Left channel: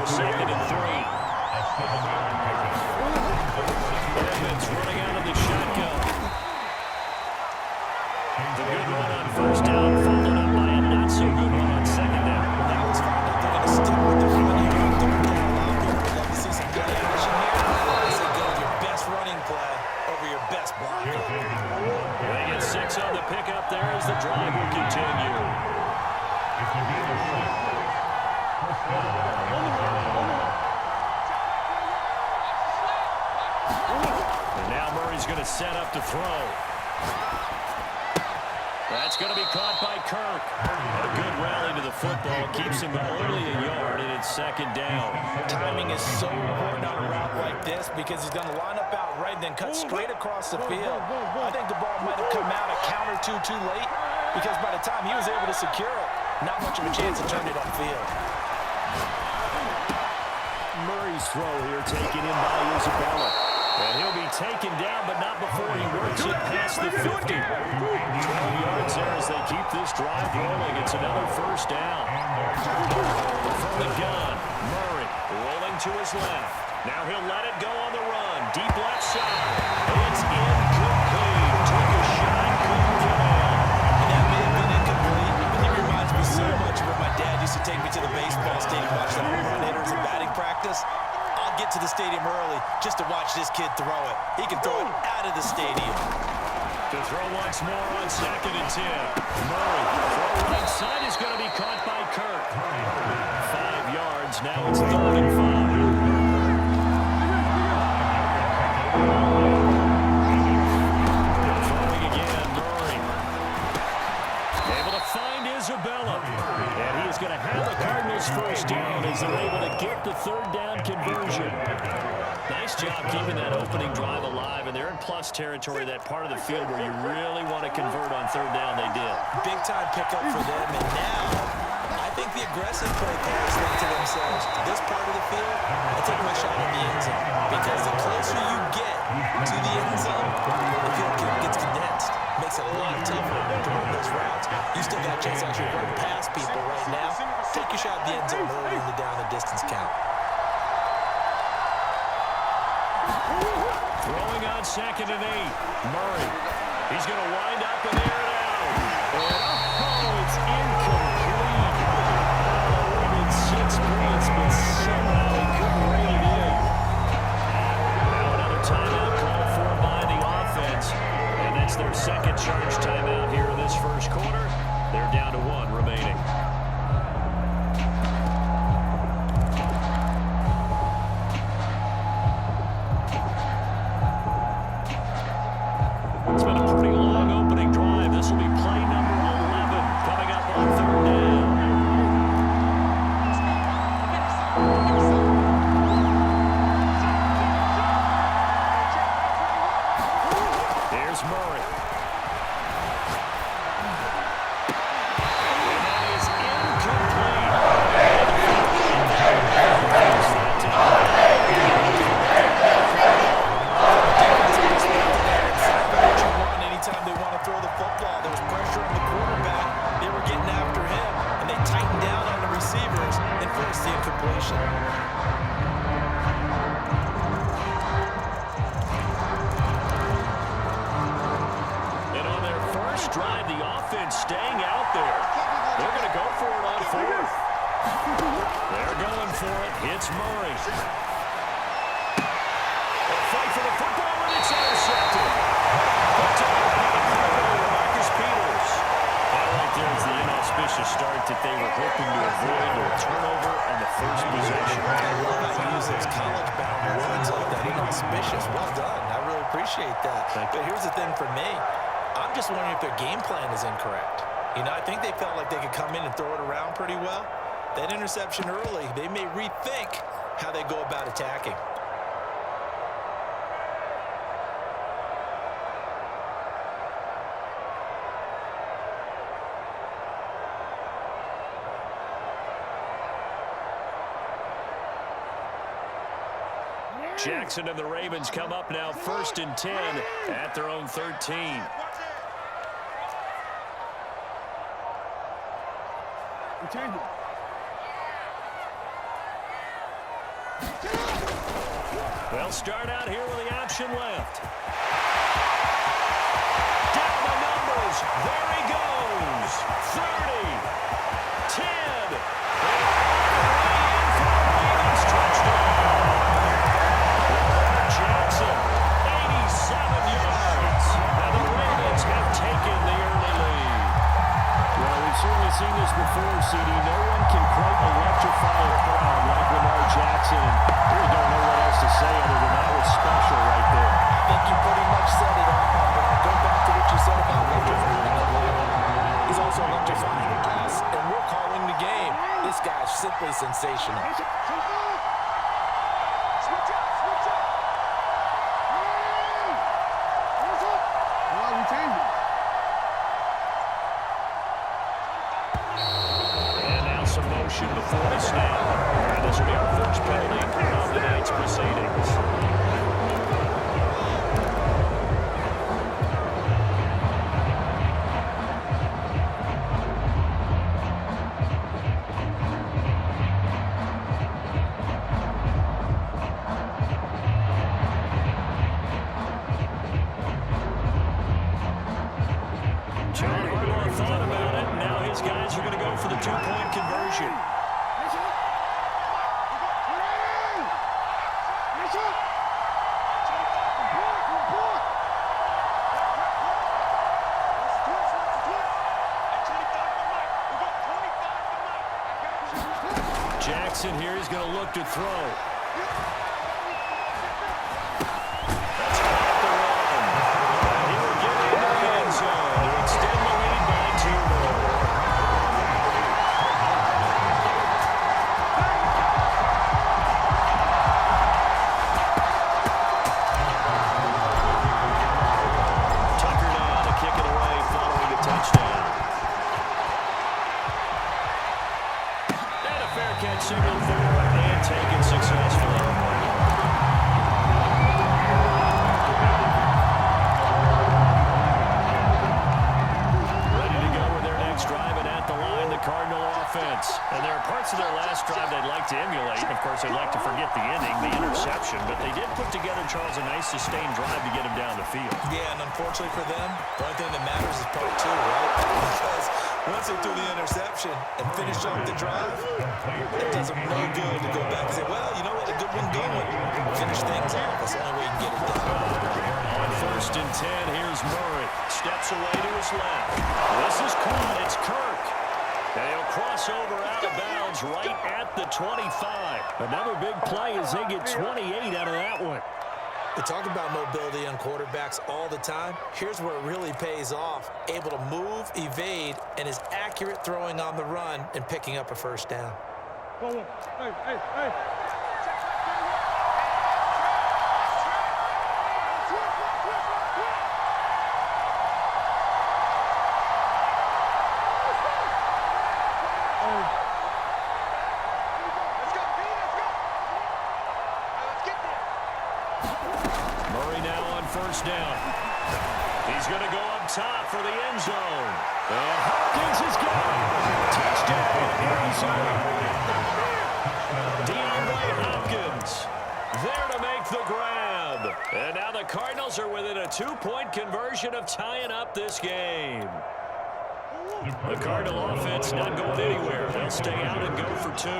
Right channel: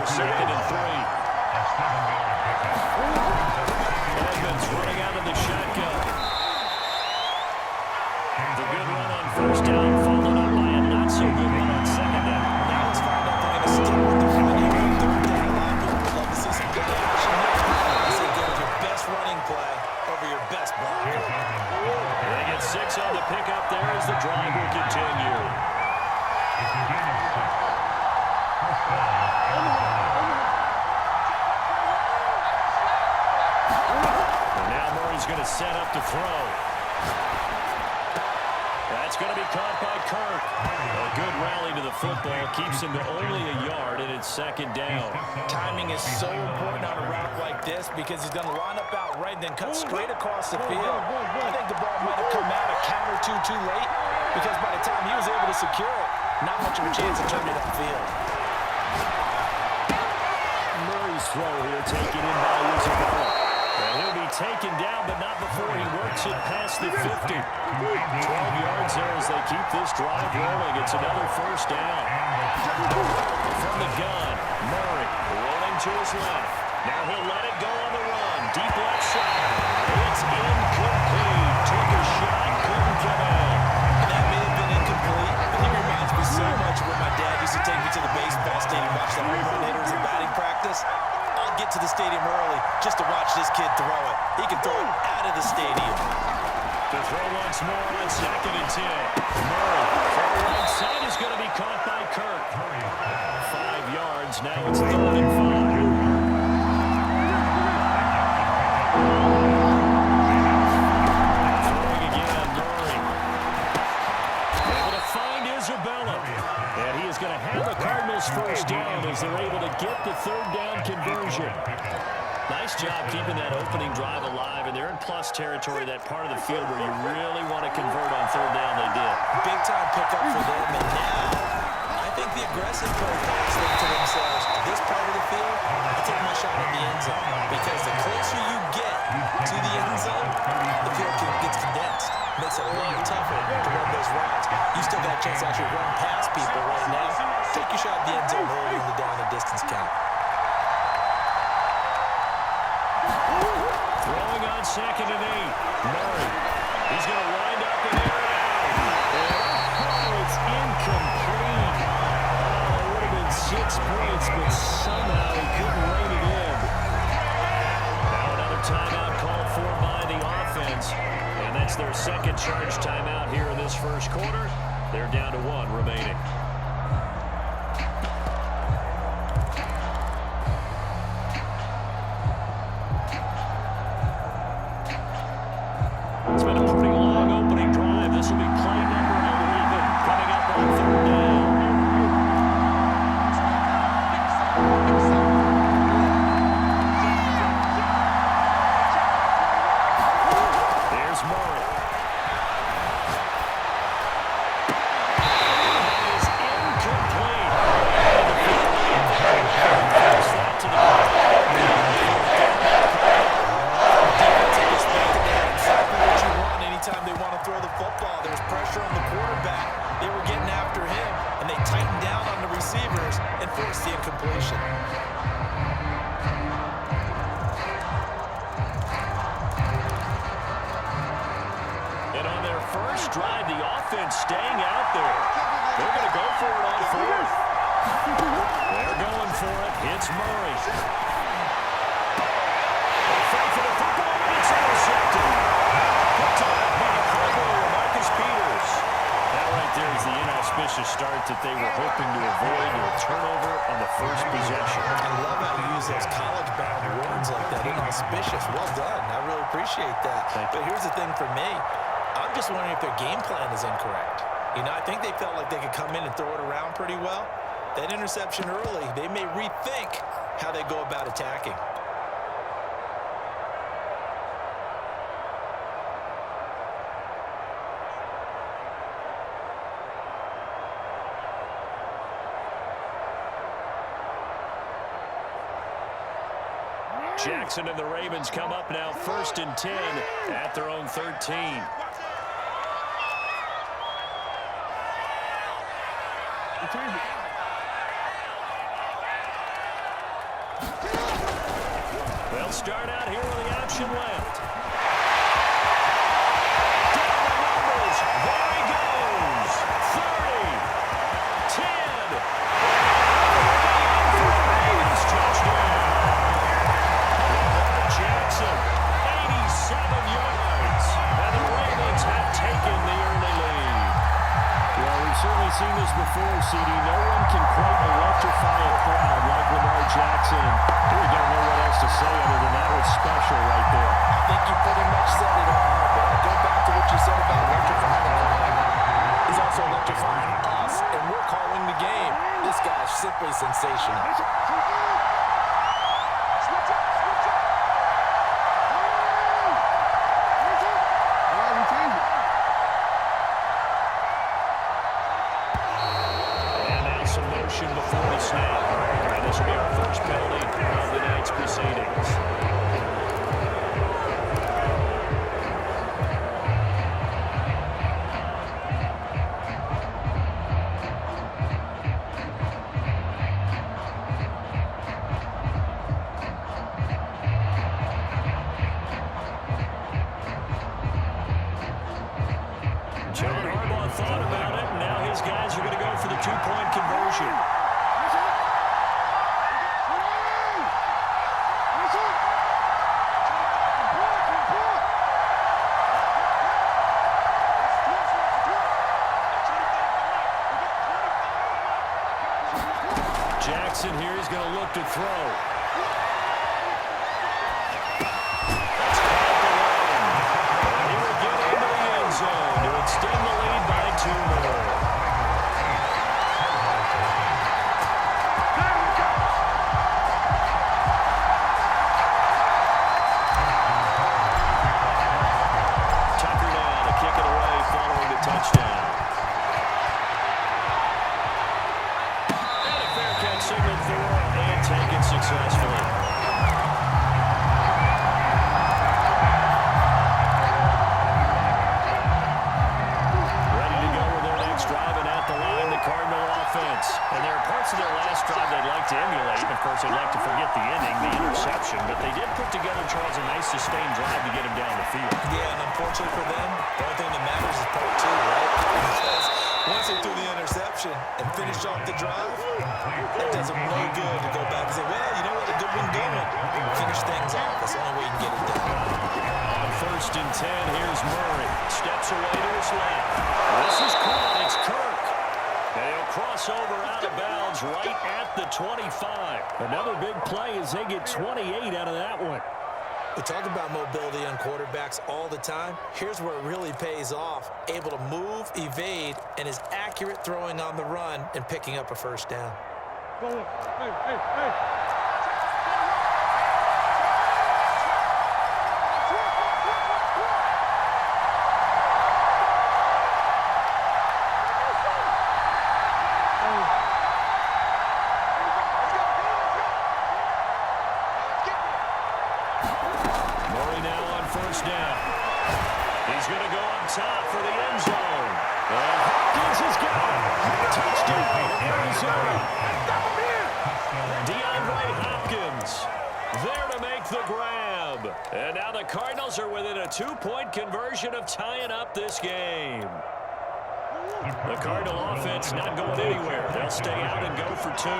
here, 2nd and 3. Edmonds running out of the shotgun. The good run on 1st down, followed up by a not-so-good run on 2nd down. Now let's find out they're going to stick with the run here on 3rd down. A lot of people would love to see some play action here. I say go with your best running play over your best blocker. They get 6 on the pickup there as the drive will continue. And now Murray's going to set up to throw. That's going to be caught by Kirk. A good rally to the football keeps him to only a yard, and it's 2nd down. Timing is so important on a route like this because he's going to line up out right and then cut straight across the field. I think the ball might have come out a count or two too late because by the time he was able to secure it, not much of a chance to turn it upfield. Murray's throw here taken in by Isabella. And he'll be taken down, but not before he works it past the 50. 12 yards there as they keep this drive rolling. It's another 1st down. From the gun, Murray rolling to his left. Now he'll let it go on the run. Deep left side. It's incomplete. Took a shot, couldn't get in. And that may have been incomplete, but he reminds me so much of when my dad used to take me to the baseball stadium, watch the home run hitters in batting practice. I'll get to the stadium early just to watch this kid throw it. He can throw it out of the stadium. To throw once more on 2nd and 10. Murray, throw right side is going to be caught by Kirk. 5 yards, now it's 3rd and 5. Throwing again, Murray. Able to find Isabella. And he is going to have the Cardinals 1st down as they're able to get the 3rd down conversion. Nice job keeping that opening drive alive, and they're in plus territory, that part of the field where you really want to convert on 3rd down. They did. Big-time pickup for them, and now I think the aggressive play players think to themselves, this part of the field, I take my shot in the end zone, because the closer you get to the end zone, the field gets condensed. Makes it a lot tougher to run those routes. You still got a chance to actually run past people right now. Take your shot at the end zone early in the down and distance count. Throwing on 2nd and 8. Murray. He's going to wind up and air it out. And it's incomplete. That would have been 6 points, but somehow he couldn't rein it in. Now another timeout called for by the offense. And that's their 2nd charge timeout here in this 1st quarter. They're down to 1 remaining. It's been a pretty long opening drive. This will be play number 11 coming up on 3rd down. Here's Murray. And that is incomplete. Force that to the ground. Anytime they want to throw the football, there was pressure on the quarterback. They were getting after him, and they tightened down on the receivers and forced the incompletion. And on their first drive, the offense staying out there. They're going to go for it on 4th. They're going for it. It's Murray. A fight for the football, and it's intercepted. Picked off by the Cardinal, Marcus Peters. That right there is the inauspicious start that they were hoping to avoid, or turnover on the first possession. I love how you use those college-bound words like that, inauspicious. Well done. I really appreciate that. But here's the thing for me. I'm just wondering if their game plan is incorrect. You know, I think they felt like they could come in and throw it around pretty well. That interception early, they may rethink how they go about attacking. Jackson and the Ravens come up now 1st and 10 at their own 13. They'll start out here with the option left. Down the numbers. There he goes. 30. 10. Way in for a Ravens touchdown. Lamar Jackson, 87 yards. And the Ravens have taken the early lead. Well, we've certainly seen this before, CD. No one can quite electrify a crowd like Lamar Jackson. And we don't know what else to say other than that was special right there. I think you pretty much said it all, but I go back to what you said about electrifying the league. He's also electrifying us, and we're calling the game. This guy's simply sensational. Switch up, switch up. Yeah, we changed it. And now some motion before the snap. And this will be our first penalty of the night's proceedings. John Harbaugh thought about it, and now his guys are going to go for the two-point conversion. Jackson here is going to look to throw. That's caught the run. And he will get into the end zone to extend the lead by 2 more. Tucker now to kick it away following the touchdown. And a fair catch signaled for and taken successfully. Cardinal offense. And there are parts of their last drive they'd like to emulate. Of course, they'd like to forget the ending, the interception, but they did put together, Charles, a nice sustained drive to get him down the field. Yeah, and unfortunately for them, the only thing that matters is part 2, right? Because once they threw the interception and finished off the drive, it does them no good to go back and say, well, you know what, a good one going. Finish things off. That's the only way you can get it done. On 1st and 10, here's Murray. Steps away to his left. This is caught. It's Kirk. And he'll cross over out of bounds right at the 25. Another big play as they get 28 out of that one. We talk about mobility on quarterbacks all the time. Here's where it really pays off. Able to move, evade, and is accurate throwing on the run and picking up a first down. Go on. Hey, hey, hey. Murray now on 1st down. He's going to go up top for the end zone. And Hopkins has got it. Touchdown, Arizona. DeAndre Hopkins there to make the grab. And now the Cardinals are within a 2-point conversion of tying up this game. The Cardinal offense not going anywhere. They'll stay out and go for 2.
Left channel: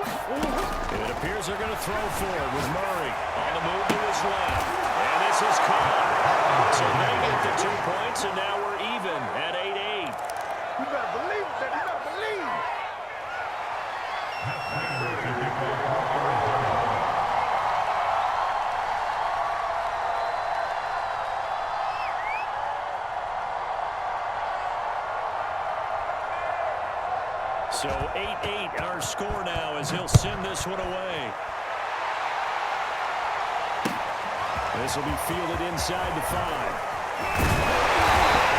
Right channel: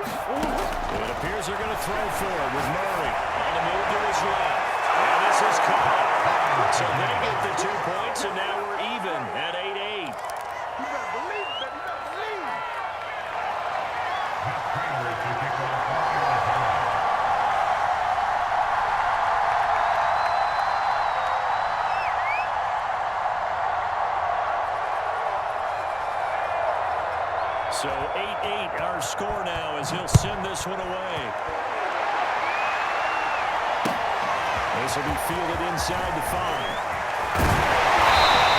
It appears they're going to throw for it with Murray on the move to his left. And this is caught. So they get the 2 points, and now we're even at 8-8. You better believe it, baby. You better believe. So 8-8 our score now as he'll send this one away. This will be fielded inside the 5. He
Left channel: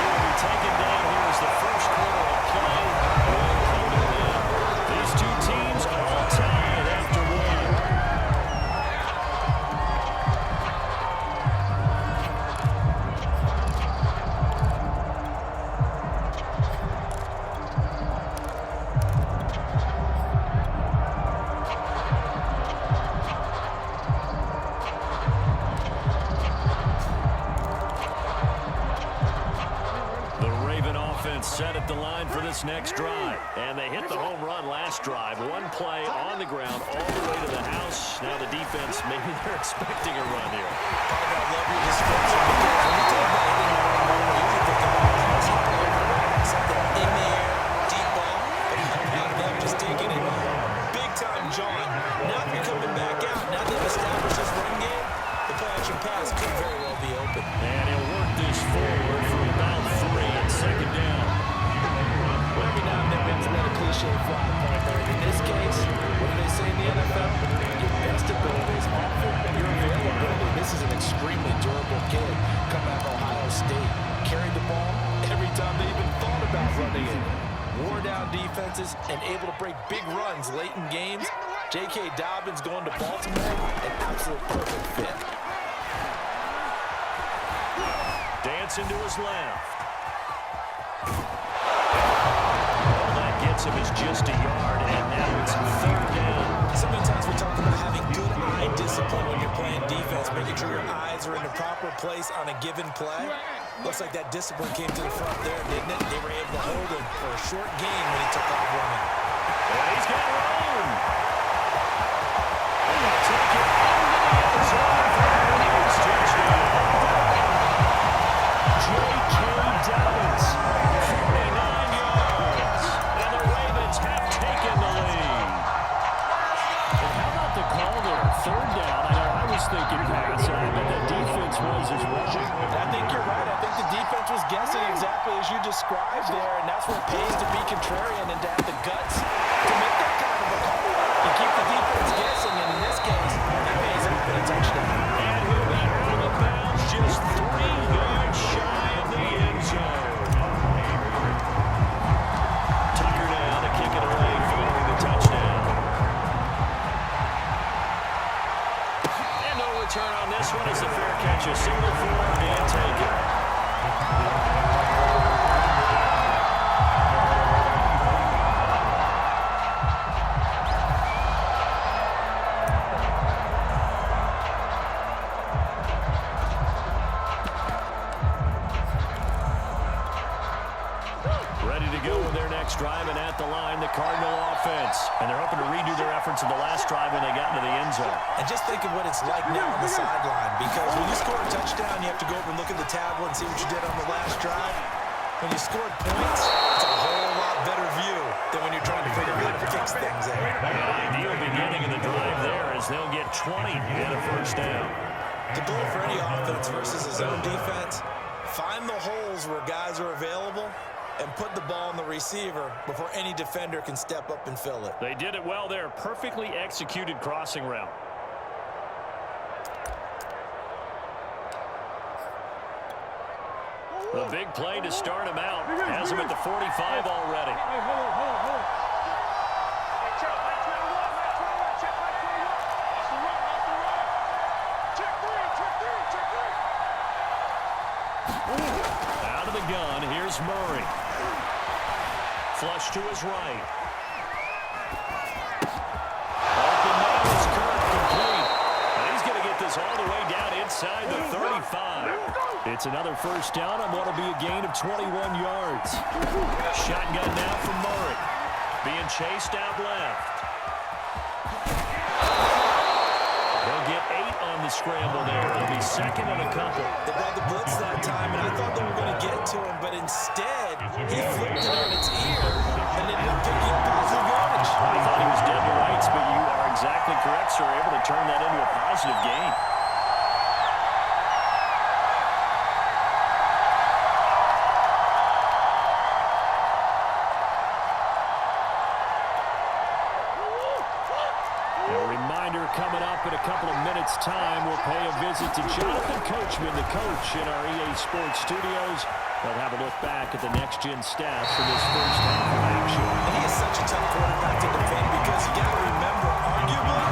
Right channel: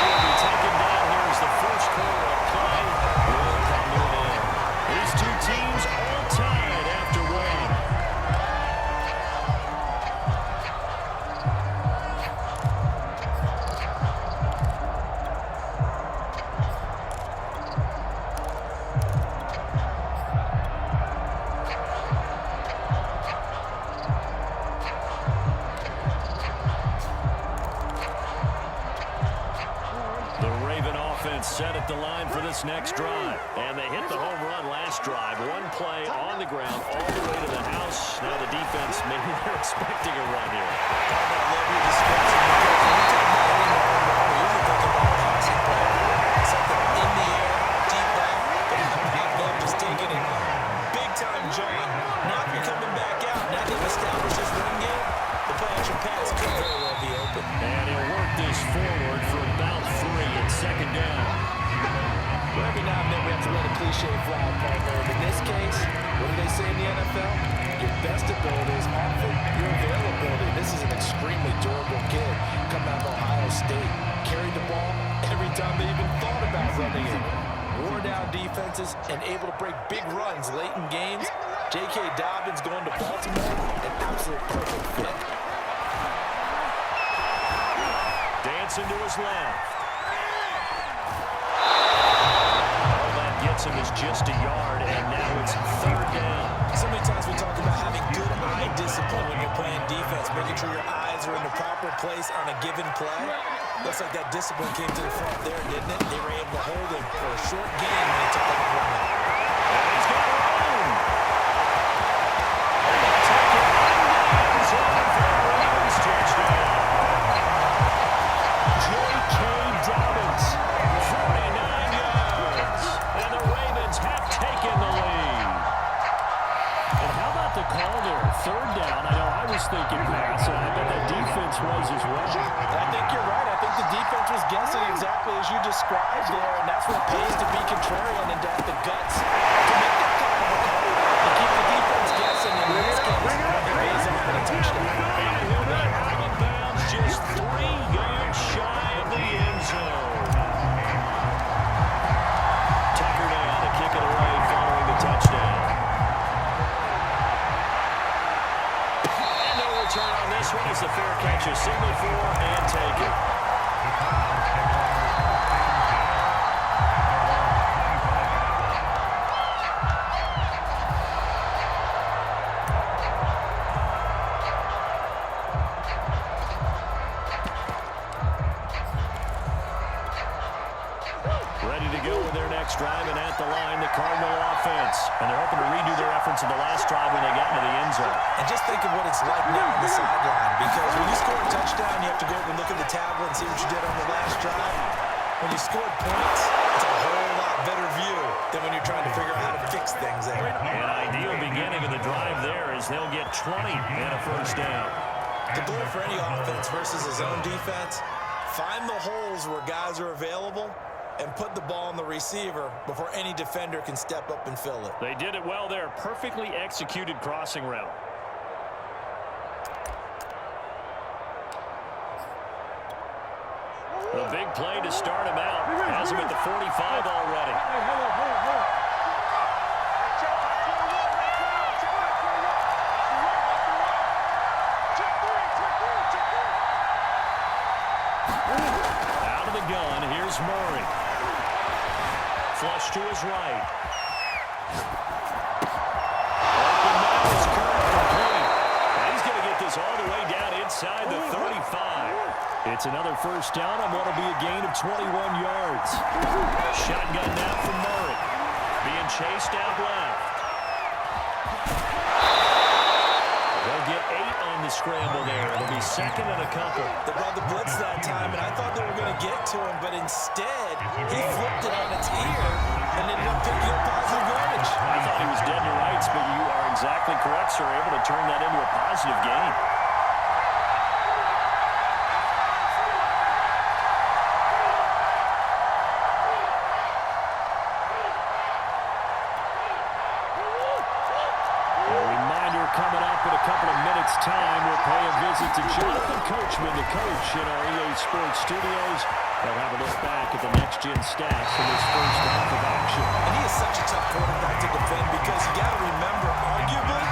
will be taken down here as the first quarter of play will come to an end. These two teams all tied after 1. The Raven offense set at the line for this next drive. And they hit the home run last drive. One play on the ground all the way to the house. Now the defense, maybe they're expecting a run here. Partner, I love your description because when we talk about hitting the home run, we usually think about passing play. Something in the air, deep ball, but not popping up, just taking it. Big-time John. Now if you're coming back out, now they've established this run game, the play-action pass could very well be open. And he'll work this forward for about 3 and second down. Well, every now and then we have to let a cliche fly, partner. In this case, what do they say in the NFL? Your best ability is often your availability. This is an extremely durable kid coming out of Ohio State. Carried the ball every time they even thought about running it. Wore down defenses and able to break big runs late in games. J.K. Dobbins going to Baltimore, an absolute perfect fit. Dancing to his left. All that gets him is just a yard, and now it's third down. So many times we talk about having good eye discipline when you're playing defense, making sure your eyes are in the proper place on a given play. Looks like that discipline came to the front there, didn't it? They were able to hold him for a short gain when he took off running. And he's got room. And he'll take it into the end zone for a Ravens touchdown. J.K. Dobbins, 49 yards. And the Ravens have taken the lead. And how about the call there? Third down. I know I was thinking pass, and I bet that defense was as well. I think you're right. I think the defense was guessing exactly as you described there, and that's what it pays to be contrarian and to have the guts to make that kind of a call. You keep the defense guessing, and in this case, it pays off in a touchdown. And he'll be out of bounds just 3 yards shy of the end zone. Tucker now to kick it away following the touchdown. And no return on this one as the fair catch is signaled for and taken. Ready to go with their next drive, and at the line, the Cardinal offense. And they're hoping to redo their efforts in the last drive when they got into the end zone. And just think of what it's like now on the sideline, because when you score a touchdown, you have to go over and look at the tablet and see what you did on the last drive. When you scored points, it's a whole lot better view than when you're trying to figure out how to fix things there. An ideal beginning of the drive there as they'll get 20 and a first down. The goal for any offense versus a zone defense, find the holes where guys are available and put the ball on the receiver before any defender can step up and fill it. They did it well there. Perfectly executed crossing route. The big play to start him out. Has him at the 45 already. Hey, hold on. Hey, check my 21, check my 21. Watch the run. Check three. Out of the gun, here's Murray. Flush to his right. Open now is Kirk, complete. And he's going to get this all the way down inside the 35. It's another first down on what will be a gain of 21 yards. Shotgun now from Murray. Being chased out left. They'll get 8 on the scramble there. It'll be second and a couple. They brought the blitz that time, and I thought they were going to get to him, but instead, he flipped it on its ear and ended up picking up positive yardage. I thought he was dead to rights, but you are exactly correct, sir. Able to turn that into a positive gain. Coming up in a couple of minutes' time, we'll pay a visit to Jonathan Coachman, the coach in our EA Sports studios. They'll have a look back at the next-gen stats from this first half of action. And he is such a tough quarterback to defend because you got to remember, arguably,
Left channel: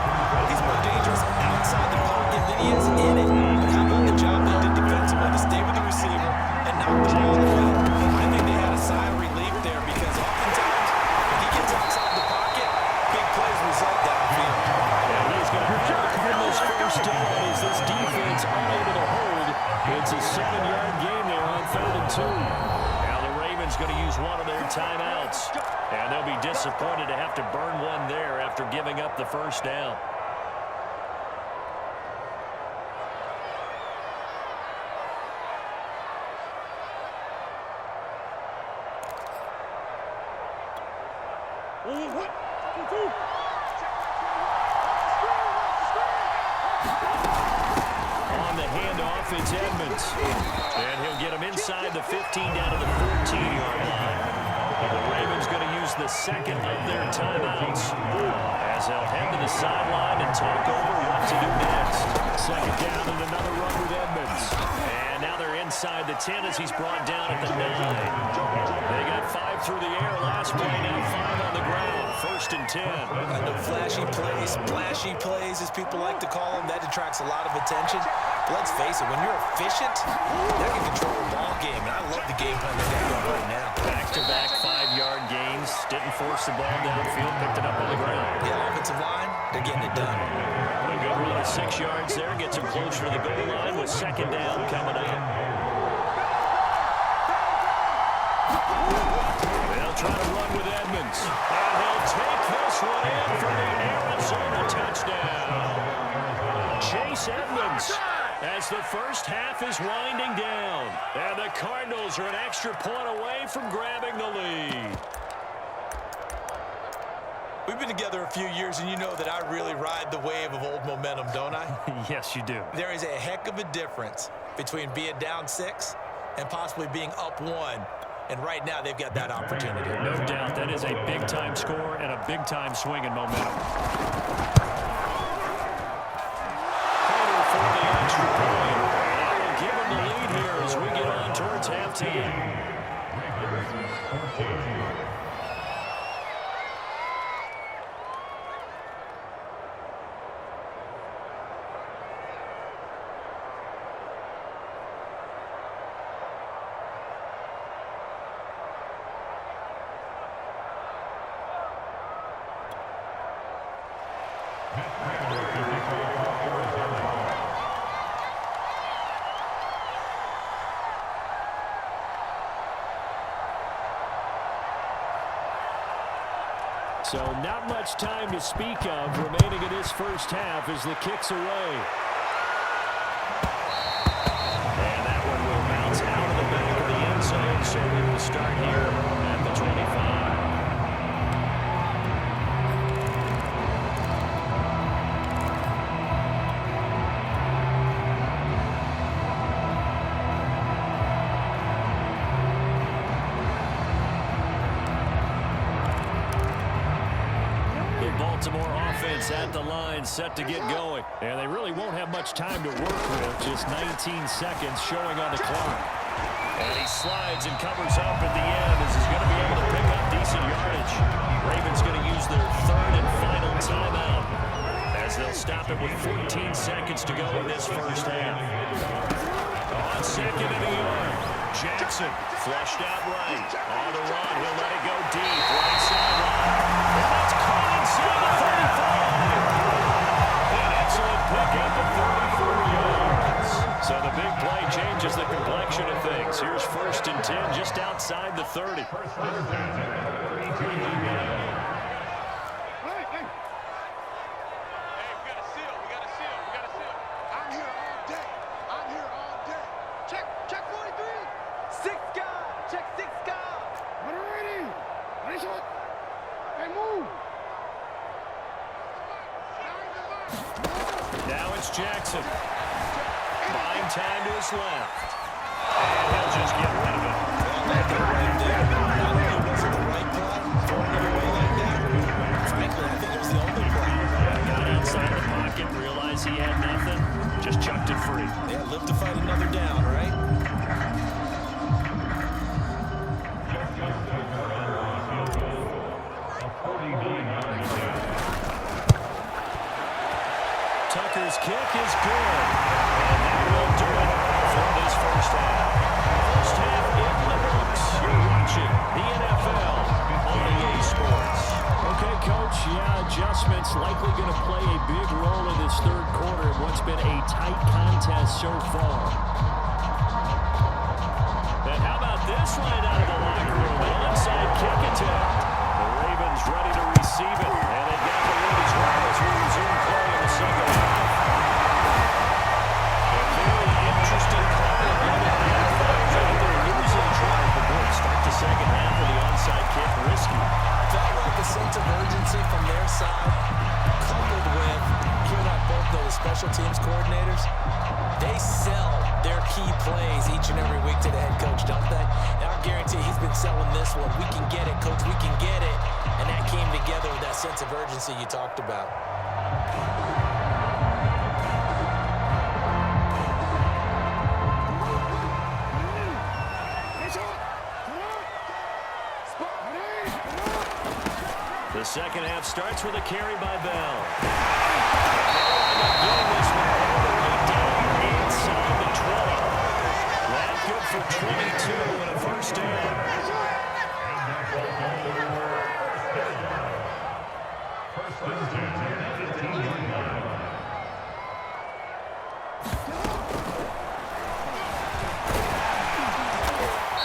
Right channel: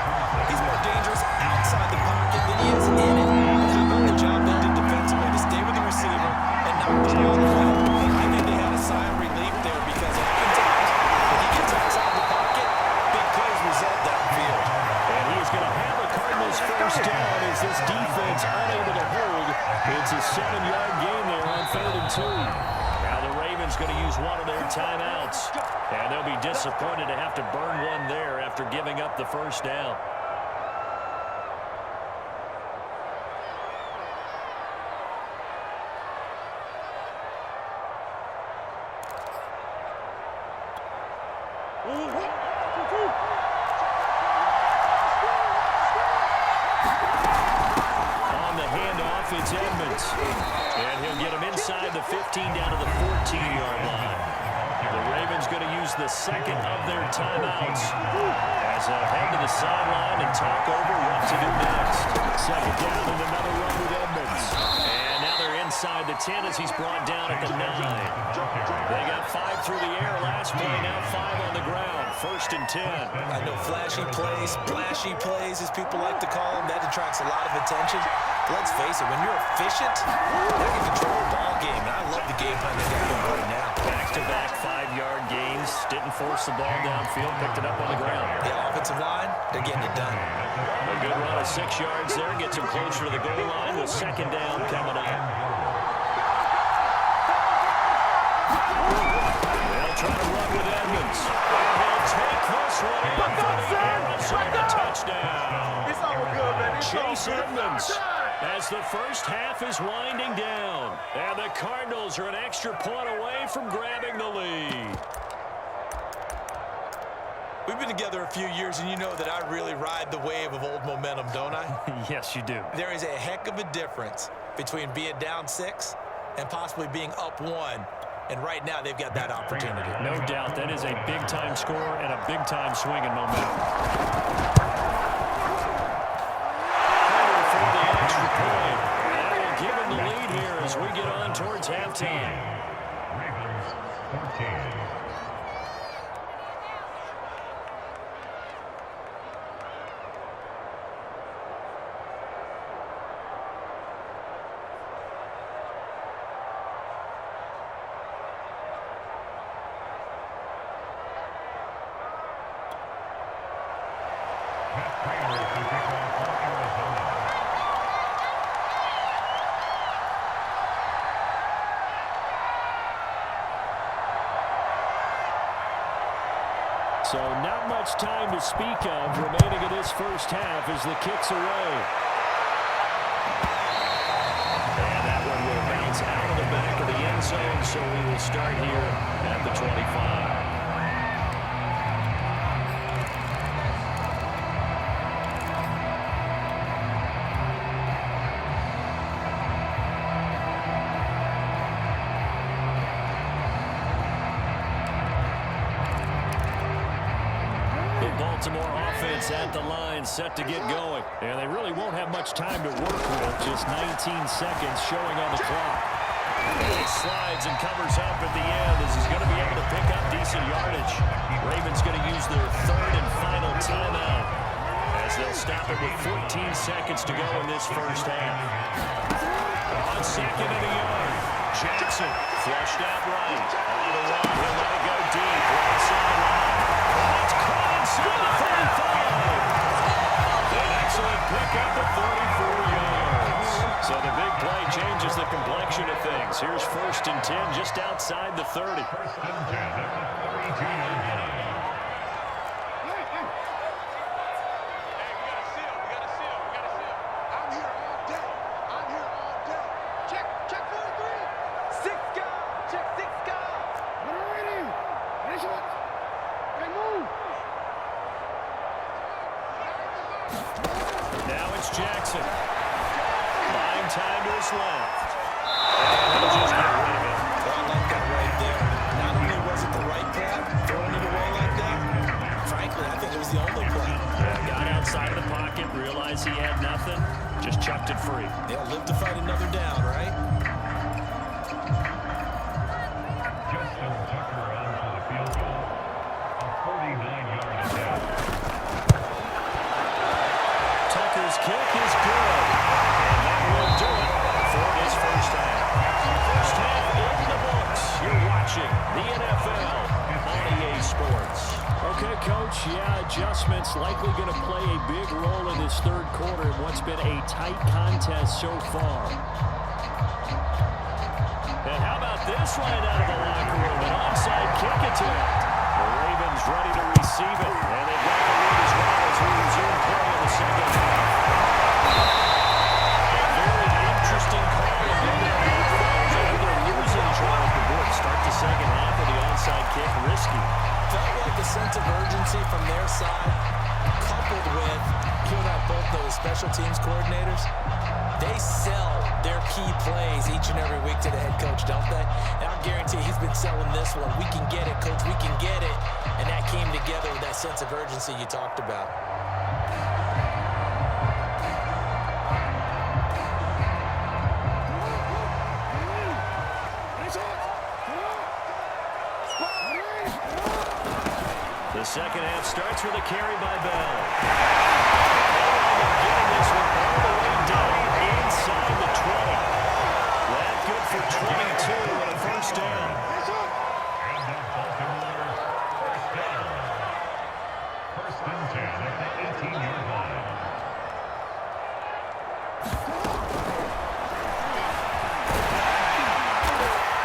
he's more dangerous outside the pocket than he is in it. But how about the job they did defensively to stay with the receiver and knock the ball away? I think they had a sigh of relief there because oftentimes when he gets outside the pocket, big plays result downfield. And he's going to have a Cardinals first down as this defense unable to hold. It's a 7-yard gain there on 3rd and 2. Now the Ravens going to use one of their timeouts. And they'll be disappointed to have to burn one there after giving up the first down. On the handoff, it's Edmonds. And he'll get him inside the 15 down to the 14-yard line. The Ravens going to use the second of their timeouts as they'll head to the sideline and talk over what to do next. Second down and another run with Edmonds. And now they're inside the 10 as he's brought down at the 9. They got 5 through the air last play, now 5 on the ground. First and 10. I know flashy plays, splashy plays, as people like to call them, that attracts a lot of attention. But let's face it, when you're efficient, they can control a ball game. And I love the game plan they got going right now. Back-to-back 5-yard gains. Didn't force the ball downfield, picked it up on the ground. Yeah, offensive line, they're getting it done. A good run of 6 yards there gets him closer to the goal line with second down coming up. They'll try to run with Edmonds. And he'll take this one in for the Arizona touchdown. Chase Edmonds as the first half is winding down. And the Cardinals are an extra point away from grabbing the lead. We've been together a few years, and you know that I really ride the wave of old momentum, don't I? Yes, you do. There is a heck of a difference between being down 6 and possibly being up 1. And right now, they've got that opportunity. No doubt. That is a big-time score and a big-time swing in momentum. Carter for the extra point. And that will give them the lead here as we get on towards halftime. Ravens 14. So not much time to speak of remaining in this first half as the kick's away. And that one will bounce out of the back of the end zone, so we will start here at the 25. Baltimore offense at the line, set to get going. And they really won't have much time to work with, just 19 seconds showing on the clock. And he slides and covers up at the end as he's going to be able to pick up decent yardage. Ravens going to use their third and final timeout as they'll stop it with 14 seconds to go in this first half. On second and a yard, Jackson flushed out right. On the run, he'll let it go deep, right sideline. And that's caught inside the 35. An excellent pickup of 34 yards. So the big play changes the complexion of things. Here's first and 10 just outside the 30. First and 10 at the 32-yard line. Hey, we got a seal. We got a seal. We got a seal. I'm here all day. I'm here all day. Check 43. 6 guy. Check 6 guy. What are we reading? Ready, shot. Hey, move. Now it's Jackson. Buying time to his left. And he'll just get rid of it. Well, I like that right there. Not only was it the right play, throwing it away like that, frankly, I think it was the only play. Yeah, got outside the pocket, realized he had nothing, just chucked it free. Yeah, live to fight another down, right? Justin Tucker on for the field goal. A 49-yard attempt. Tucker's kick is good, and that will do it for this first half. First half in the books. You're watching the NFL on EA Sports. Okay, Coach, yeah, adjustments likely going to play a big role in this third quarter in what's been a tight contest so far. And how about this right out of the locker room. An onside kick attempt. The Ravens ready to receive it, and they've got the lead as well as we resume play in the second half. A very interesting call, and one that backfires. I know they're losing Charles DeBoer. Start the second half with the onside kick risky. Felt like a sense of urgency from their side, coupled with, you and I both know the special teams coordinators, they sell their key plays each and every week to the head coach, don't they? And I guarantee he's been selling this one. We can get it, coach, we can get it. And that came together with that sense of urgency you talked about. The second half starts with a carry by Bell. They wind up getting this one all the way down inside the 20. That good for 22 and a first down. And that's also first down. First and 10 at the 18-yard line.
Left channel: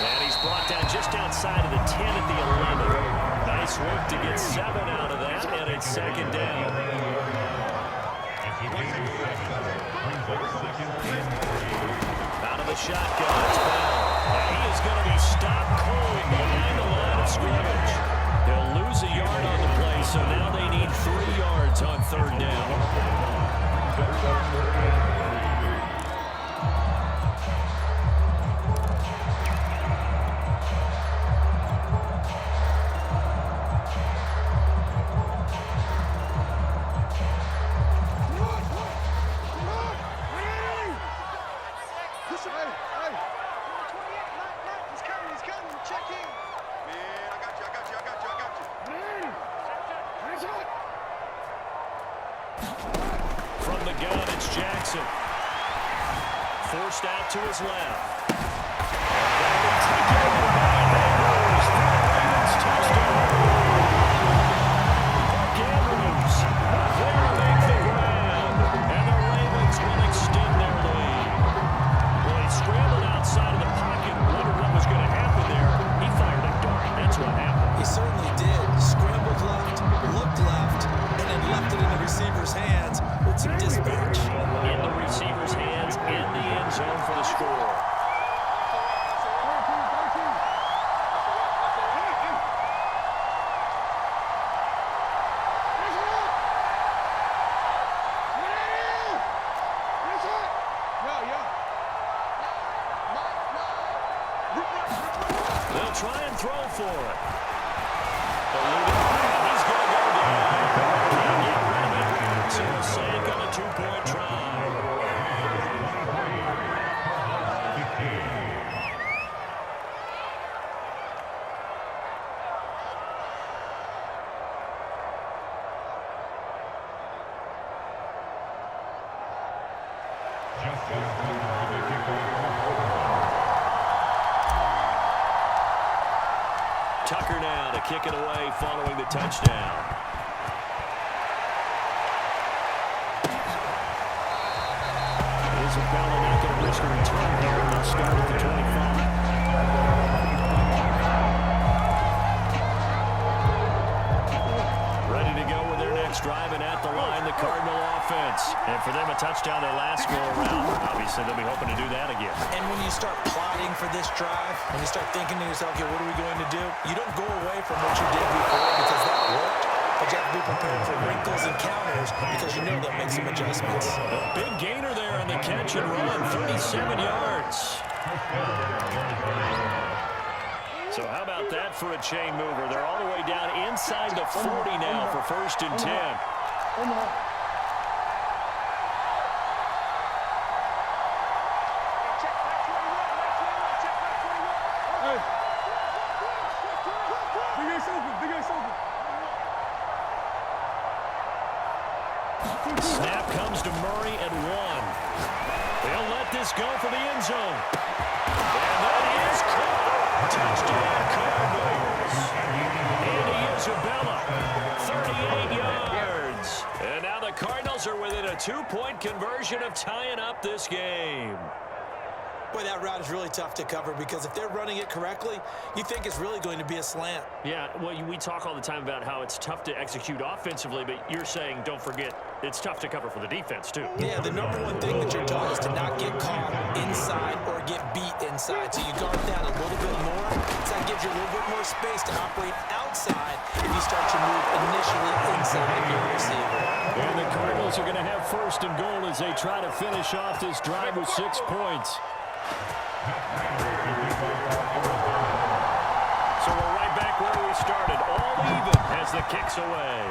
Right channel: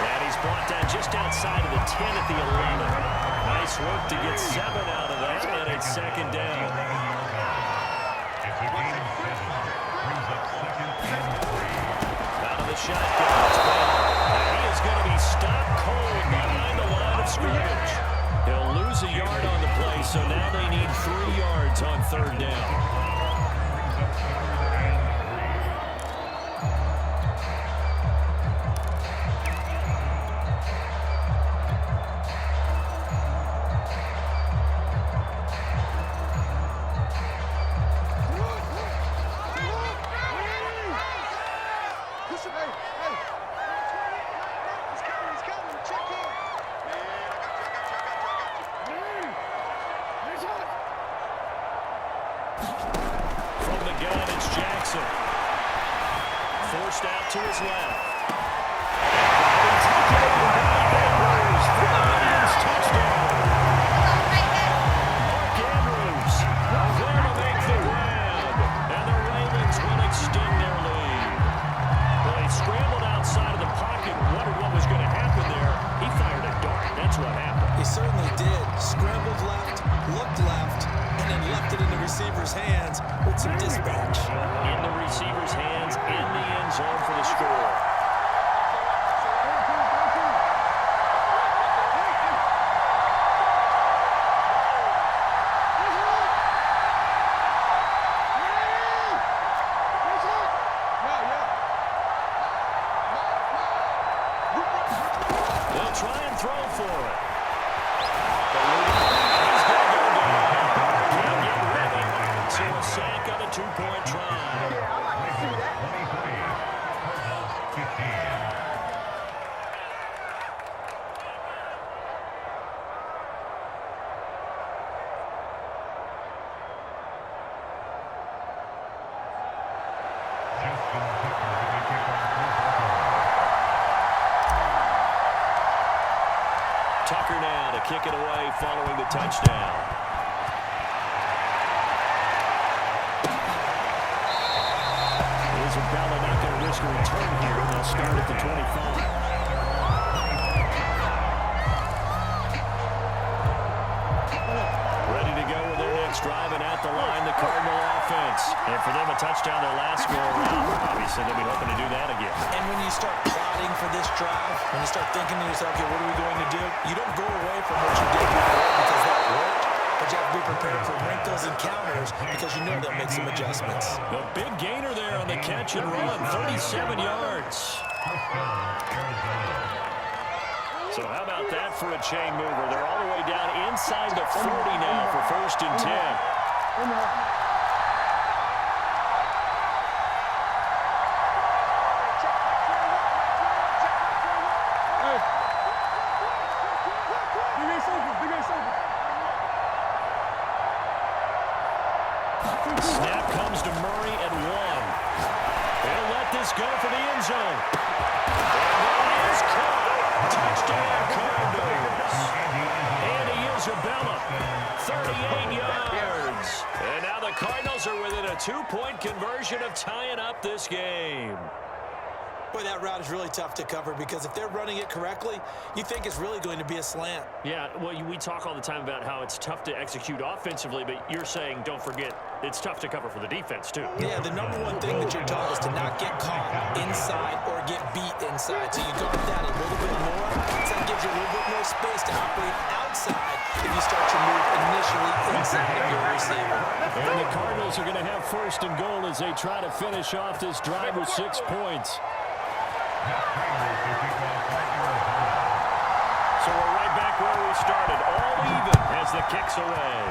And he's brought down just outside of the 10 at the 11. Nice work to get 7 out of that, and it's second down. It's a gain of 7. Brings up second and 3. Out of the shotgun, it's Bell. And he is going to be stopped cold behind the line of scrimmage. He'll lose a yard on the play, so now they need 3 yards on third down. Brings up third and 3. From the gun, it's Jackson. Forced out to his left. And he's taken by Andrews for the Ravens touchdown. Mark Andrews there to make the grab. And the Ravens will extend their lead. Well, he scrambled outside of the pocket and wondered what was going to happen there. He fired a dart. That's what happened. He certainly did. Scrambled left, looked left, and then left it in the receiver's hands with some dispatch. In the receiver's hands, in the end zone for the score. They'll try and throw for it. He's going to go down. Can't get rid of it. So a sack on a 2-point try. 23, Cardinals 15. Justin Tucker with the kickoff for Baltimore. Tucker now to kick it away following the touchdown. Isabella not going to risk a return here. They'll start at the 25. Ready to go with their next drive, and at the line, the Cardinal offense. And for them, a touchdown their last go-around. Obviously, they'll be hoping to do that again. And when you start plotting for this drive, when you start thinking to yourself, okay, what are we going to do? You don't go away from what you did before because that worked, but you have to be prepared for wrinkles and counters because you know they'll make some adjustments. A big gainer there on the catch and run, 37 yards. First down, Arizona. So how about that for a chain mover? They're all the way down inside the 40 now for first and 10. Snap comes to Murray at 1. He'll let this go for the end zone. And that is caught. Touchdown Cardinals. Andy Isabella, 38 yards. And now the Cardinals are within a 2-point conversion of tying up this game. Boy, that route is really tough to cover because if they're running it correctly, you think it's really going to be a slant. Yeah, well, we talk all the time about how it's tough to execute offensively, but you're saying, don't forget, it's tough to cover for the defense, too. Yeah, the number one thing that you're taught is to not get caught inside or get beat inside. So you guard that a little bit more. So that gives you a little bit more space to operate outside if you start your move initially inside of your receiver. And the Cardinals are going to have first and goal as they try to finish off this drive with 6 points. So we're right back where we started, all even as the kick's away.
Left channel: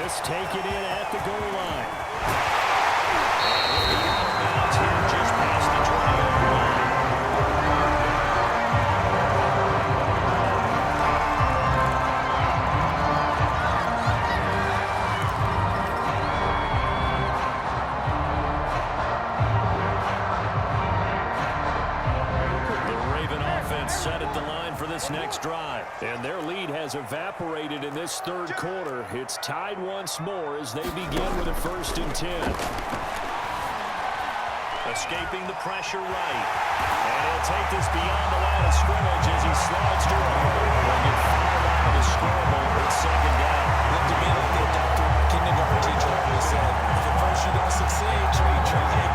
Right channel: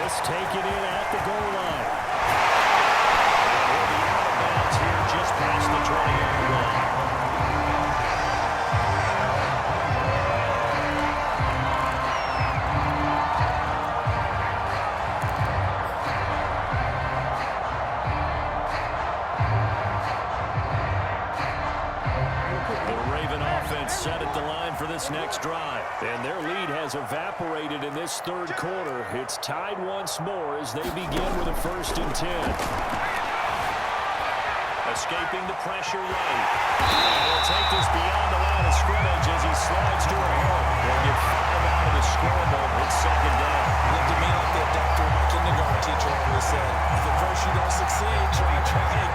This taken in at the goal line. And he'll be out of bounds here just past the 20-yard line. Set at the line for this next drive. And their lead has evaporated in this third quarter. It's tied once more as they begin with a 1st and 10. Escaping the pressure right. And he'll take this beyond the line of scrimmage as he slides to a hole. They'll get 5 out of the scramble. It's 2nd down. Looked at me like the doctor my kindergarten teacher always said, if at first you don't succeed, try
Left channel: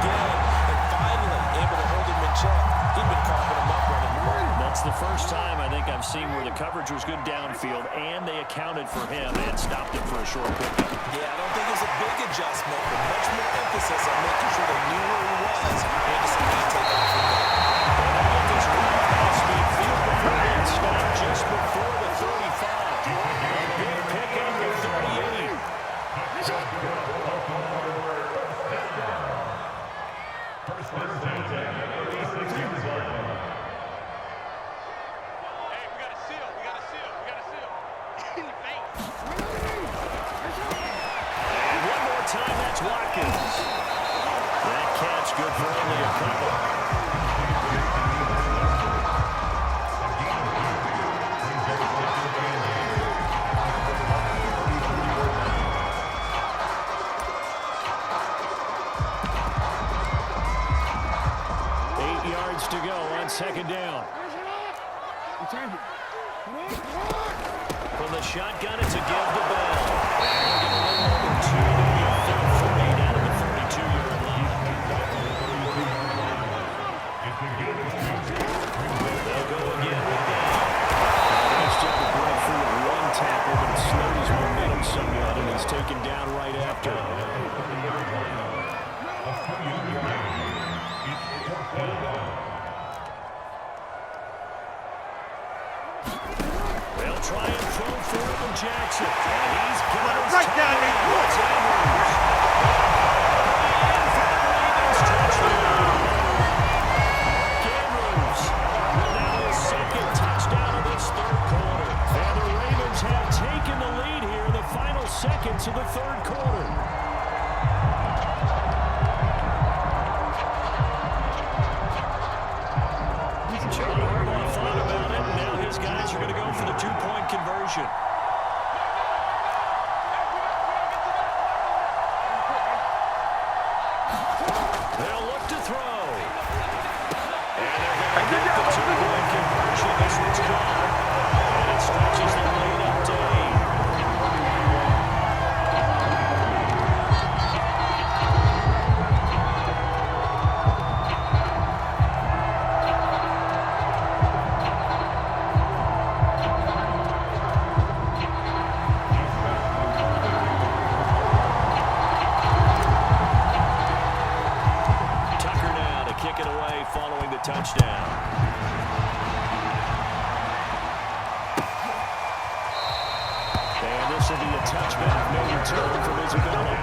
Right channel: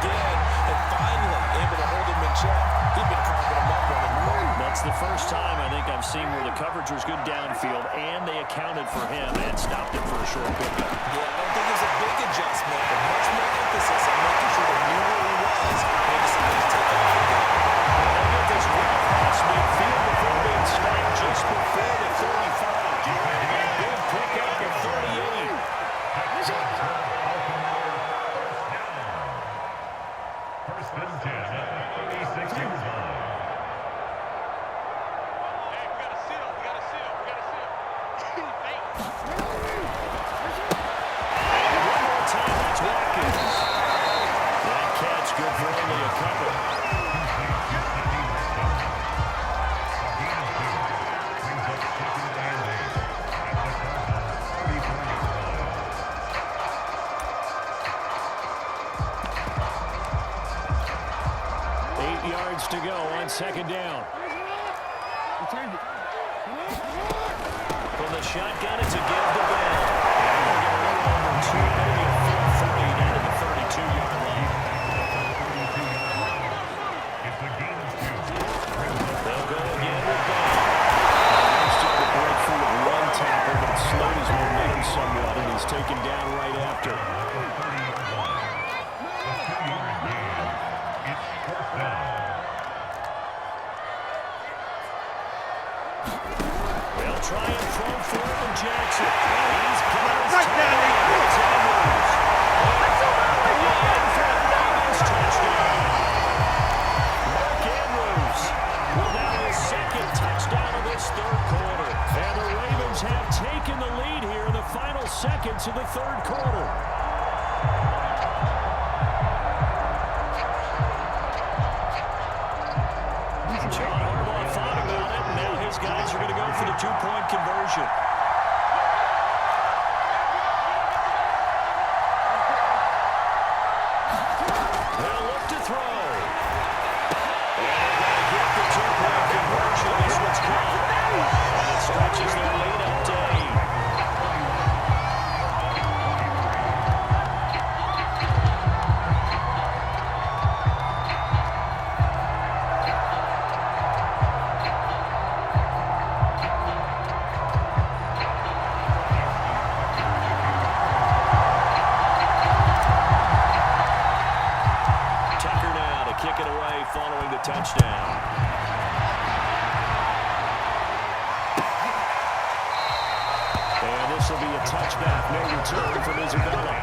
again. And finally able to hold him in check. He'd been carving him up running. That's the first time I think I've seen where the coverage was good downfield and they accounted for him and stopped him for a short pickup. Yeah, I don't think it was a big adjustment, but much more emphasis on making sure they knew where he was when he decided to take off and go. And they'll get this run past midfield before being stopped just before the 35. A big pickup of 38. First and 10 at 36 yards line. Hey, we got a seal. We got a seal. We got a seal. And one more time, that's Watkins. That catch good for only a couple. Brings up 2nd and 8 at the 34-yard line. 8 yards to go on 2nd down. From the shotgun, it's a give to Bell. And they'll get a little over 2, maybe a full 3 down to the 32-yard line. They'll go again with Bell. He's tried to break free with one tackle, but it slowed his momentum somewhat, and he's taken down right after. A 2-yard gain. It's 4th down. They'll try and throw for it from Jackson. And he's got his right down there. It's Andrews. And for the Ravens touchdown. Mark Andrews with now his 2nd touchdown of this third quarter. And the Ravens have taken the lead here in the final seconds of the third quarter. John Harbaugh thought about it, and now his guys are going to go for the 2-point conversion. They'll look to throw. And they're going to get the 2-point conversion. This one's caught. And it stretches their lead up to 8. Kick it away following the touchdown. And this will be a touchback, no return from Isabella.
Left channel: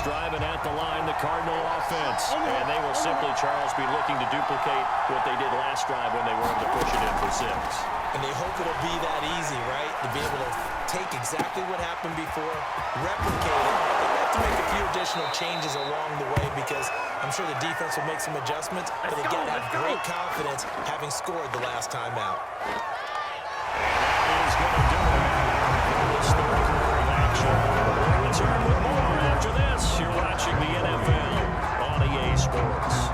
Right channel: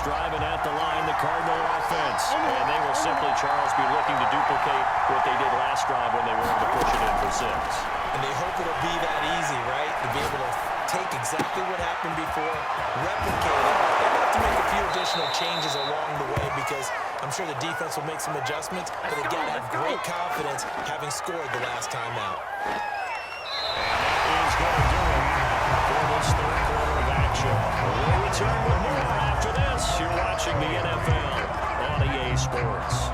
Driving at the line, the Cardinal offense. And they will simply, Charles, be looking to duplicate what they did last drive when they were able to push it in for 6. And they hope it'll be that easy, right? To be able to take exactly what happened before, replicate it. They have to make a few additional changes along the way because I'm sure the defense will make some adjustments, but they got to have great confidence having scored the last time out. And that is going to do it for this third quarter of action. We'll return with more after this. You're watching the NFL on EA Sports.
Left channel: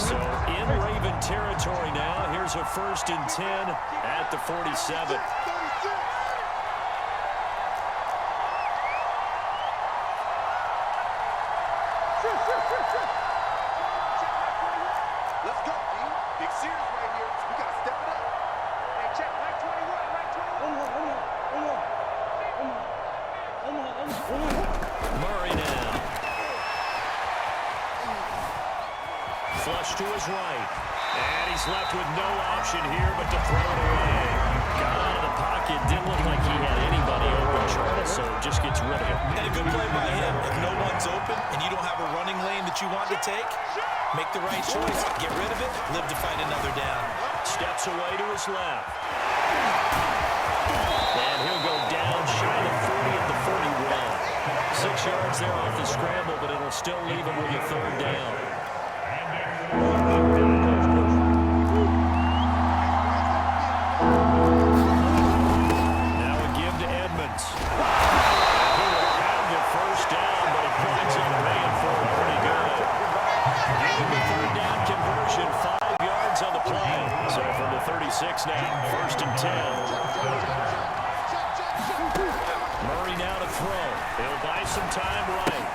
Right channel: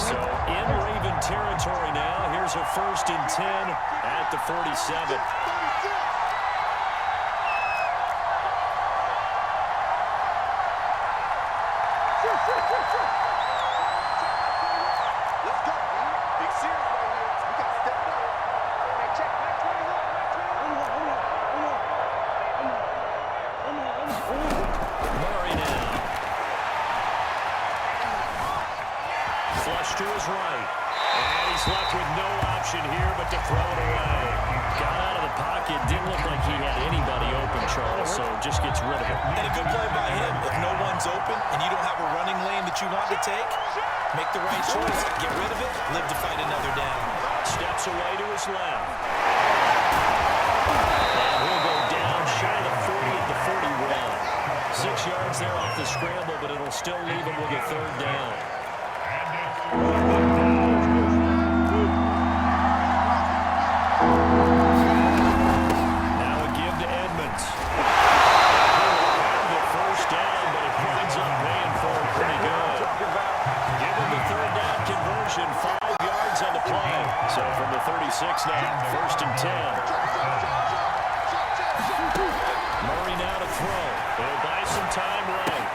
So in Raven territory now, here's a 1st and 10 at the 47. Let's go, D. Big series right here. We got to step it up. Hey, check. Mike 21. Mike 21. Murray now. Flush to his right. And he's left with no option here but to throw it away. Got out of the pocket. Didn't look like he had anybody open, Charles, so just gets rid of it. And a good play by him. If no one's open and you don't have a running lane that you want to take, make the right choice, get rid of it, live to fight another down. Steps away to his left. And he'll go down shy of the 40 at the 41. 6 yards there off the scramble, but it'll still leave him with a 3rd down. Now a give to Edmonds. He will have the 1st down, but he winds up paying for it pretty good. Give him the 3rd down conversion, 5 yards on the play. So from the 36 now, 1st and 10. Murray now to throw. He'll buy some time right.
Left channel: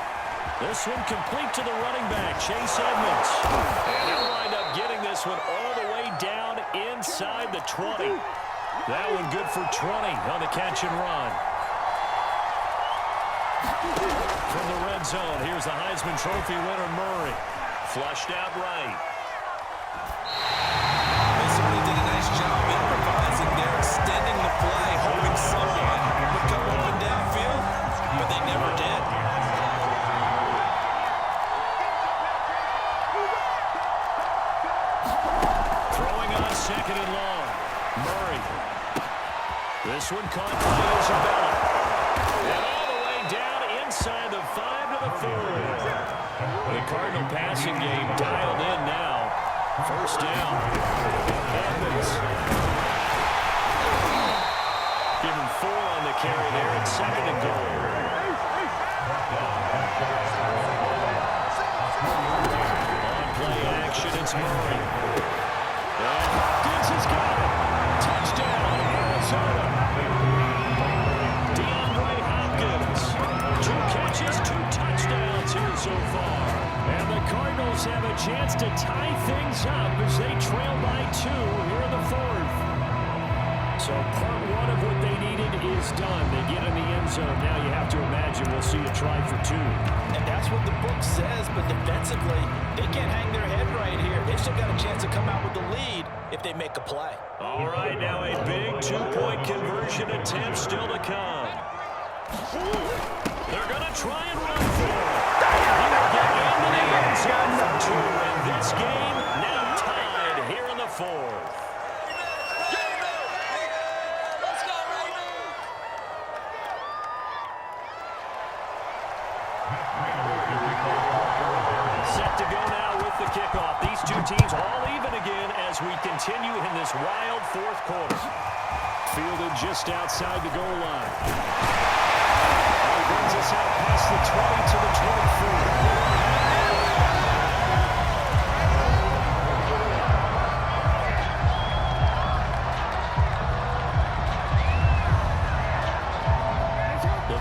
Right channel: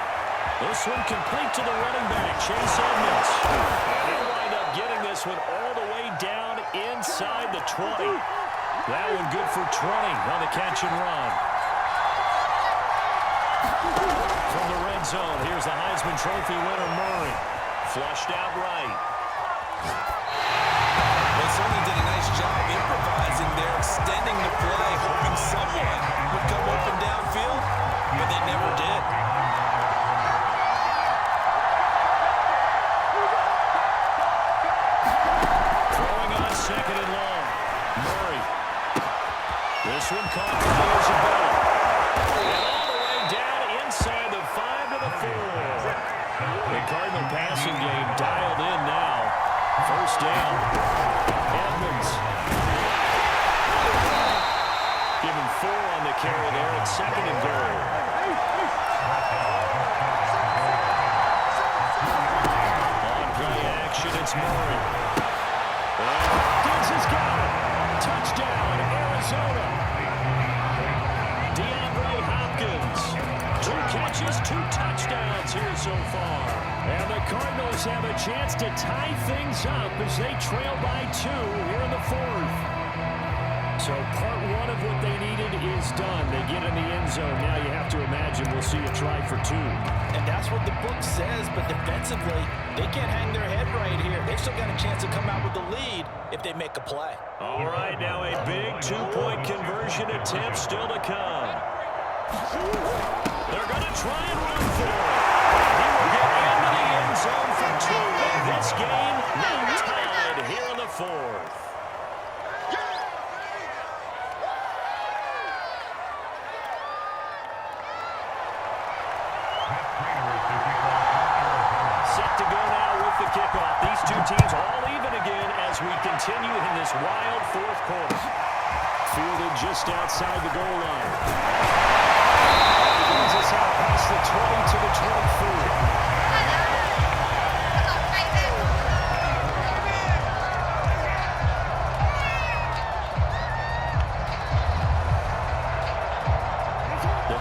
This one complete to the running back, Chase Edmonds. And he'll wind up getting this one all the way down inside the 20. That one good for 20 on the catch and run. From the red zone, here's the Heisman Trophy winner, Murray. Flushed out right. They certainly did a nice job improvising there, extending the play, hoping someone would come open downfield, but they never did. Throwing on 2nd and long. Murray. This one caught by Isabella. And all the way down inside the 5 to the 4. The Cardinal passing game dialed in now. 1st down. Edmonds. Give him 4 on the carry there at 2nd and goal. On play action, it's Murray. And Hopkins has got it. Touchdown, Arizona. DeAndre Hopkins. 2 catches, 2 touchdowns here so far. And the Cardinals have a chance to tie things up as they trail by 2 here in the 4th. So part 1 of what they needed is done. They get in the end zone. Now you have to imagine we'll see a try for 2. And that's what the book says, but defensively, they can't hang their head right here. They've still got a chance to come out with the lead if they make a play. All right, now a big 2-point conversion attempt still to come. They're going to try and run for it. He will get into the end zone for 2. And this game now tied here in the 4th. Set to go now with the kickoff. These 2 teams all even again as we continue in this wild 4th quarter. Fielded just outside the goal line. And he brings us out past the 20 to the 24.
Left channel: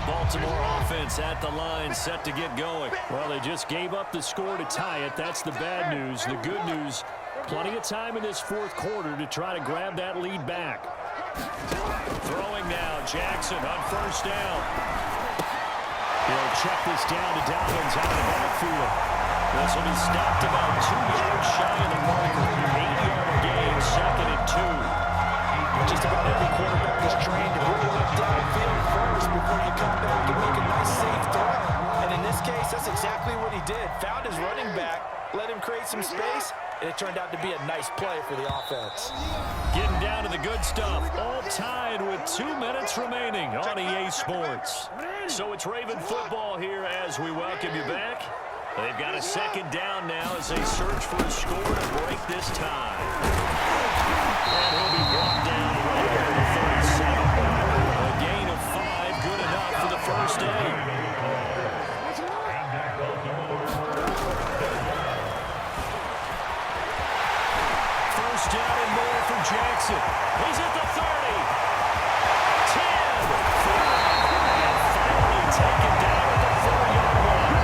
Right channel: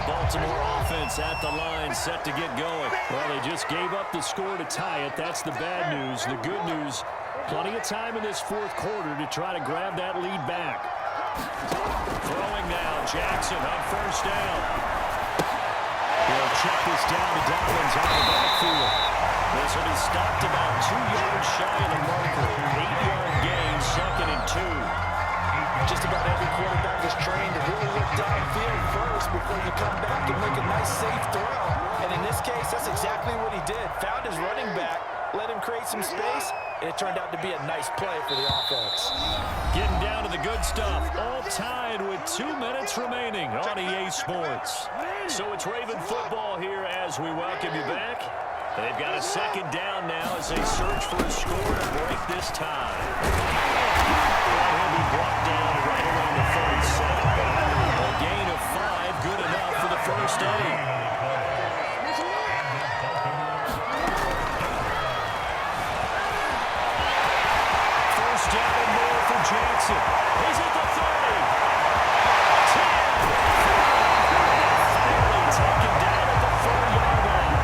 Baltimore offense at the line, set to get going. Well, they just gave up the score to tie it. That's the bad news. The good news, plenty of time in this 4th quarter to try to grab that lead back. Throwing now, Jackson on 1st down. He'll check this down to Dobbins out of the backfield. This will be stopped about 2 yards shy of the marker. 8-yard gain, 2nd and 2. Just about every quarterback is trained to really look downfield first before you come back and make a nice, safe throw. And in this case, that's exactly what he did. Found his running back, let him create some space, and it turned out to be a nice play for the offense. Getting down to the good stuff. All tied with 2 minutes remaining on EA Sports. So it's Raven football here as we welcome you back. They've got a second down now as they search for a score to break this tie. And he'll be brought down right around the 37. A gain of 5, good enough for the first down. First down and more for Jackson. He's at the 30. 10, 5, and finally taken down at the 4-yard line.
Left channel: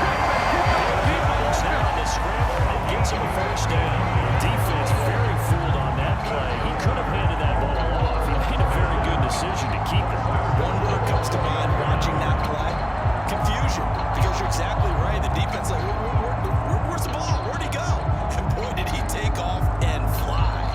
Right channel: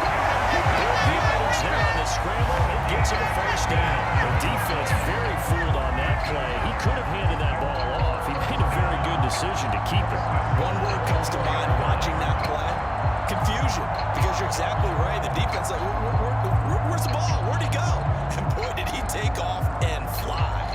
Big yardage there on the scramble. It gets him a first down. The defense very fooled on that play. He could have handed that ball off. He made a very good decision to keep it. One word comes to mind watching that play. Confusion. Because you're exactly right. The defense like, where's the ball? Where'd he go? And boy, did he take off and fly.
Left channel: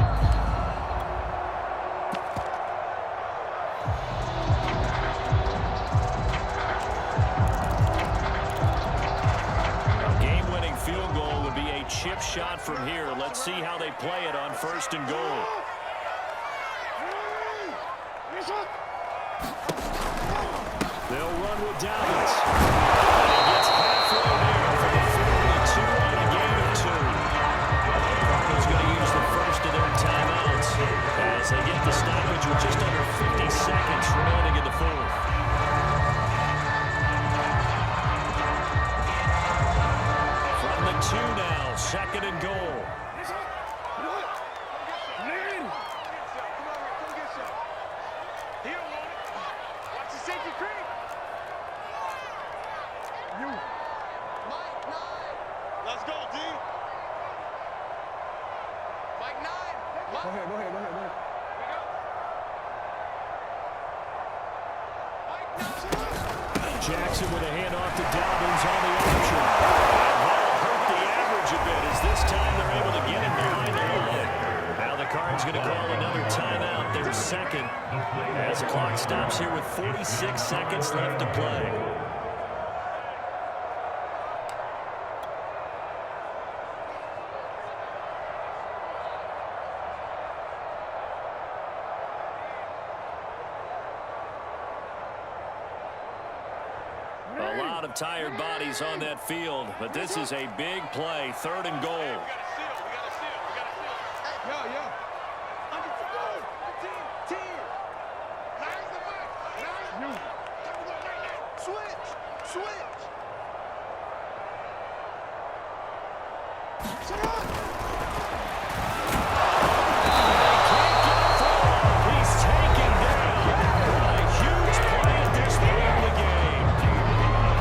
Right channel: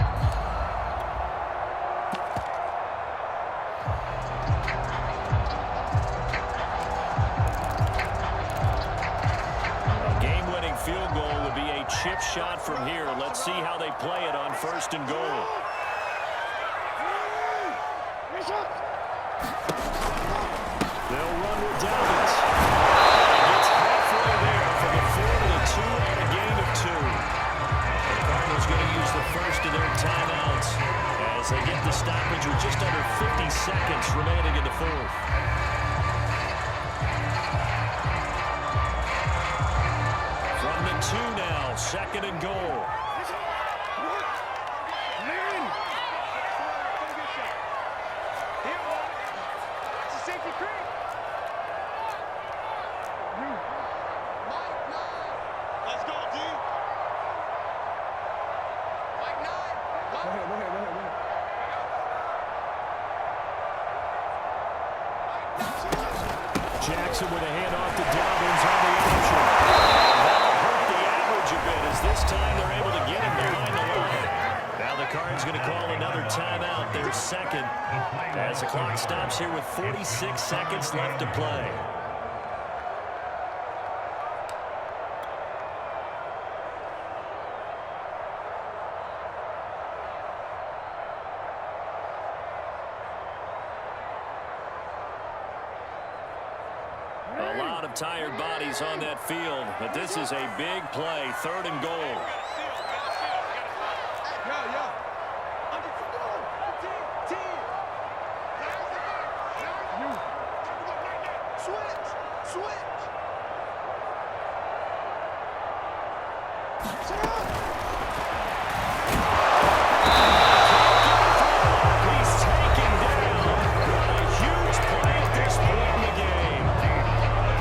A game-winning field goal would be a chip shot from here. Let's see how they play it on first and goal. They'll run with Dobbins. And he gets halfway there for the 4-2 on a gain of 2. The Cardinals going to use the first of their timeouts as they get the stoppage with just under 50 seconds remaining in the fourth. From the 2 now, second and goal. Safety creep. You. Mike 9. Let's go, D. Mike 9. Go ahead. Here we go. Mike 9. Jackson with a handoff to Dobbins on the option. And that'll hurt the average a bit as this time they're able to get him behind the line. Now the Cards going to call another timeout, their second, as the clock stops here with 46 seconds left to play. A lot of tired bodies on that field, but this is a big play, third and goal. Yeah. Under 10. You. Switch. Sit up. He's taken down. What a huge play at this point in the game.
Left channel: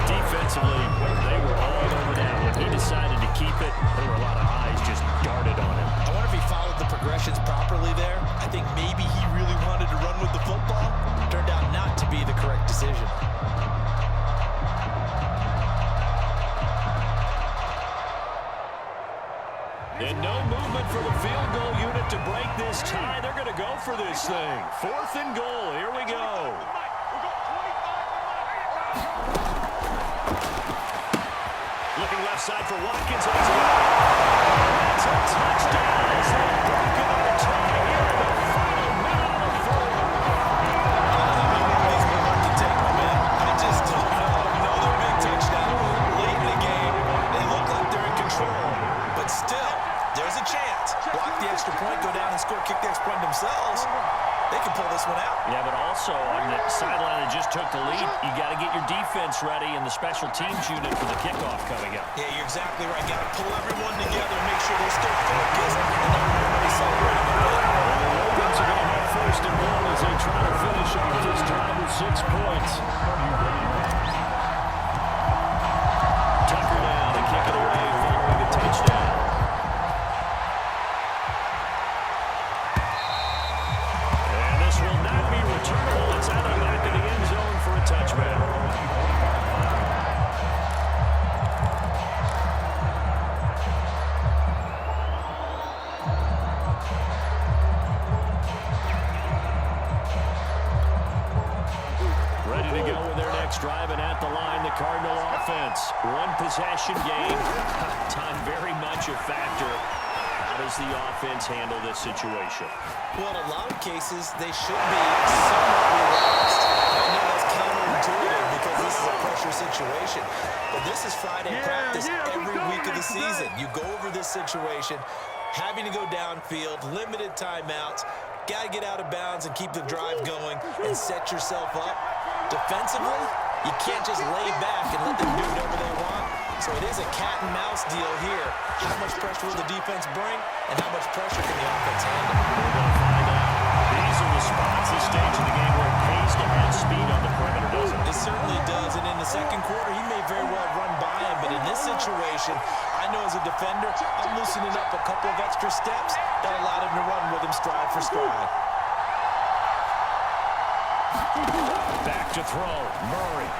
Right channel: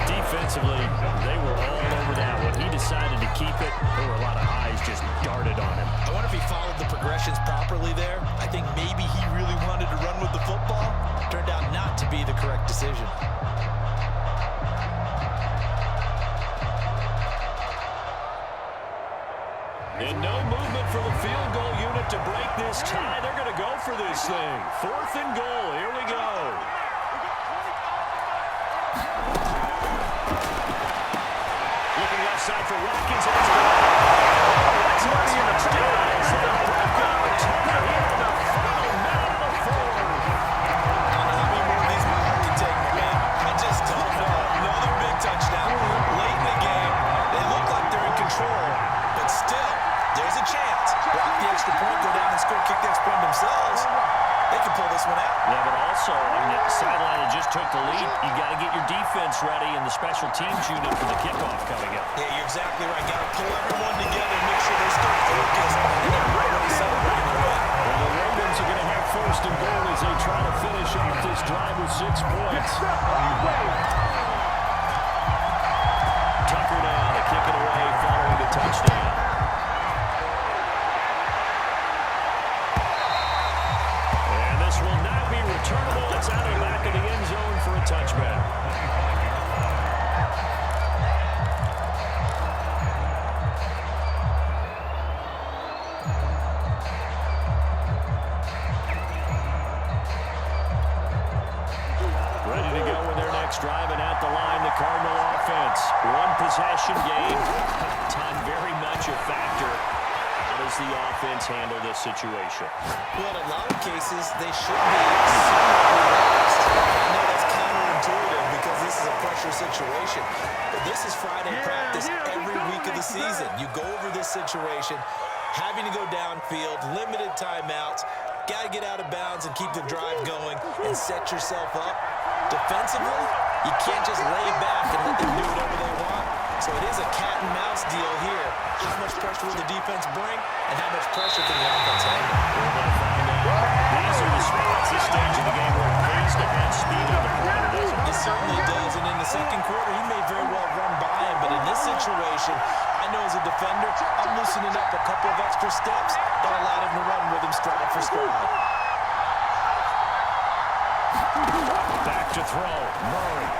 Defensively, they were all over that one. He decided to keep it. There were a lot of eyes just darted on him. I wonder if he followed the progressions properly there. I think maybe he really wanted to run with the football. Turned out not to be the correct decision. And no movement for the field goal unit to break this tie. They're going to go for this thing. Fourth and goal. Here we go. Looking left side for Watkins. And it's good. That's a touchdown as they've broken our tie here in the final minute of the fourth. I don't know how many more of these were hard to take, my man. I just don't know. Another big touchdown. Late in the game, they look like they're in control, but still, there's a chance. Block the extra point, go down and score, kick the extra point themselves. They can pull this one out. Yeah, but also on the sideline that just took the lead, you got to get your defense ready and the special teams unit for the kickoff coming up. Yeah, you're exactly right. Got to pull everyone together, make sure they're still focused, and they're already celebrating the win. Well, the Ravens are going to have first and goal as they try to finish off this drive with 6 points. Tucker down to kick it away following the touchdown. And this will not be returnable. It's out of the back of the end zone for a touchback. Ready to go with their next drive, and at the line, the Cardinal offense. One possession game. Time very much a factor. How does the offense handle this situation? Well, in a lot of cases, they should be somewhat relaxed. I know that's counterintuitive because this is a pressure situation, but this is Friday practice every week of the season. You go over this situation, having to go downfield, limited timeouts, got to get out of bounds and keep the drive going and set yourself up. Defensively, you can't just lay back and let them do whatever they want. So it is a cat and mouse deal here. How much pressure will the defense bring, and how much pressure can the offense handle? We're going to find out. These are the spots, this stage of the game, where it pays to have speed on the perimeter, doesn't it? It certainly does, and in the second quarter, he may very well run by him, but in this situation, I know as a defender, I'm loosening up a couple of extra steps that allowed him to run with him stride for stride. Back to throw, Murray.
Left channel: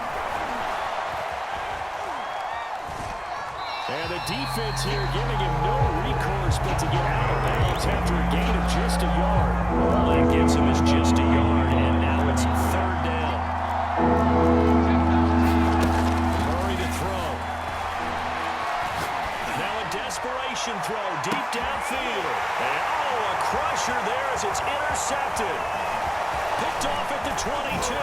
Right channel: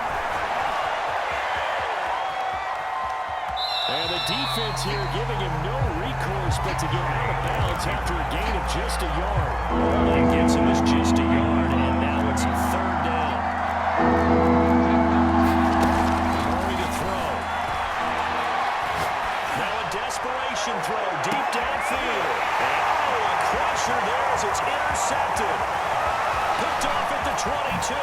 And the defense here giving him no recourse but to get out of bounds after a gain of just a yard. All that gets him is just a yard, and now it's third down. Murray to throw. Now a desperation throw deep downfield. And a crusher there as it's intercepted. Picked off at the 22.